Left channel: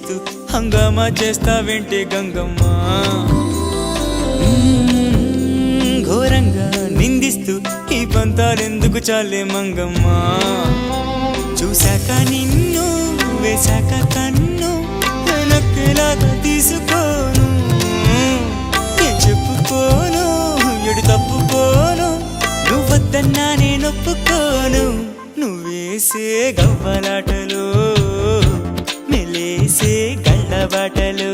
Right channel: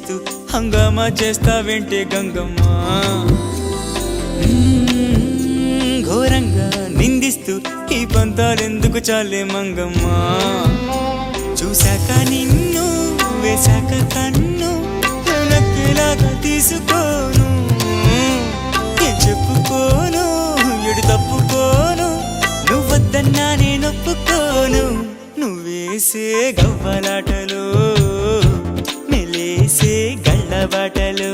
నిందిస్తూ హంగామా చేస్తావేంటే గంగమ్మ ఘోరంగా నిందిస్తూ ఈ పంతాలెందుకు చాలే మంగమ్మ చూశాక నిన్ను వేశాక కన్ను వెనక్కిలాగా తీసుకోను ఏం చెప్పుకోను ఎడు తప్పుకోను నువ్వొద్దన్నా నేనొప్పుకోను నువ్వేసే గవ్వలాటలు మెలేసే గళ్ళబాటలు